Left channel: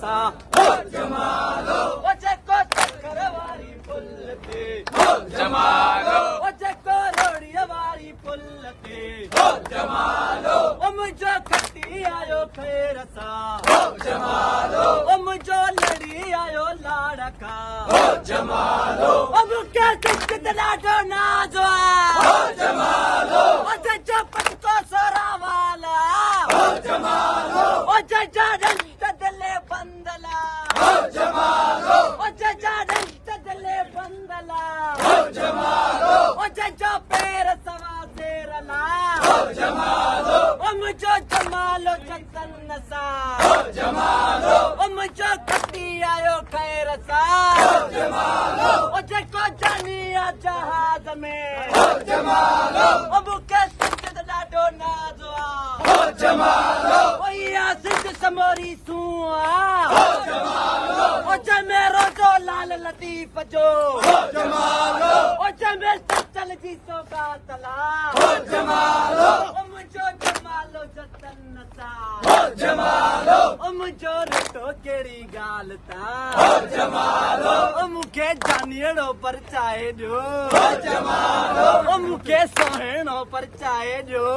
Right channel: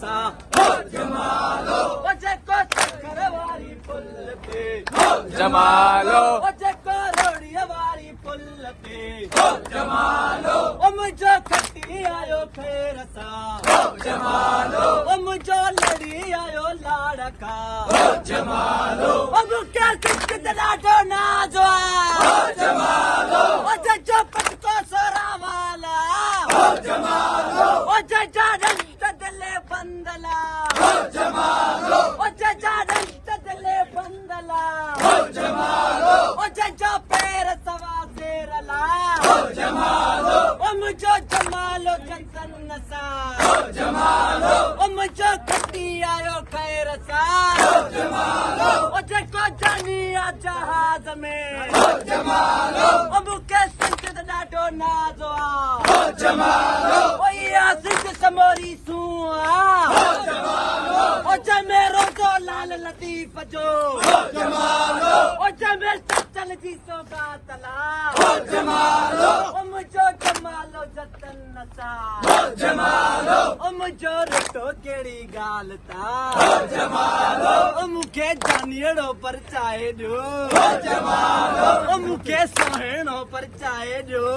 सां जमालो जेको चकर वारी पुल ते जमालो जेको रोड़ीअ वारी पुल ते जमालो मुंहिंजो खटी आयो खैर सां जमालो मुंहिंजो लड़ी आयो लाड़ खां जमालो मूंखे किस्मत ॾाढो नाज़ आहे जमालो जंहिंजो पटको सोरा वाला जमालो जंहिंजा रिश्त दिले बंदला जमालो जंहिंजा रिश्त दिले बंदला जमालो जंहिंजो पैर सवा सेरला जमालो मुंहिंजो जमालो चंदन सां जमालो मुंहिंजो खटी आयो खैर सां जमालो जेको जानी आहे जहाज़ में जमालो मूंखे सिंध ॾाढो नाज़ आहे जमालो सिंध समोरी सूं आहे जमालो जंहिंमें रोज़ो लाल लतीफ़ जो जमालो जंहिंमें चचल जी सौगातला जमालो मुंहिंजो जमालो जतन सां जमालो मुंहिंजो रिटो कहिड़ी ॻाल्हि ता जमालो मूंखे जानीअड़ो परचाए ॾियो जमालो मूंखे सुहिणो परचाए ॾियो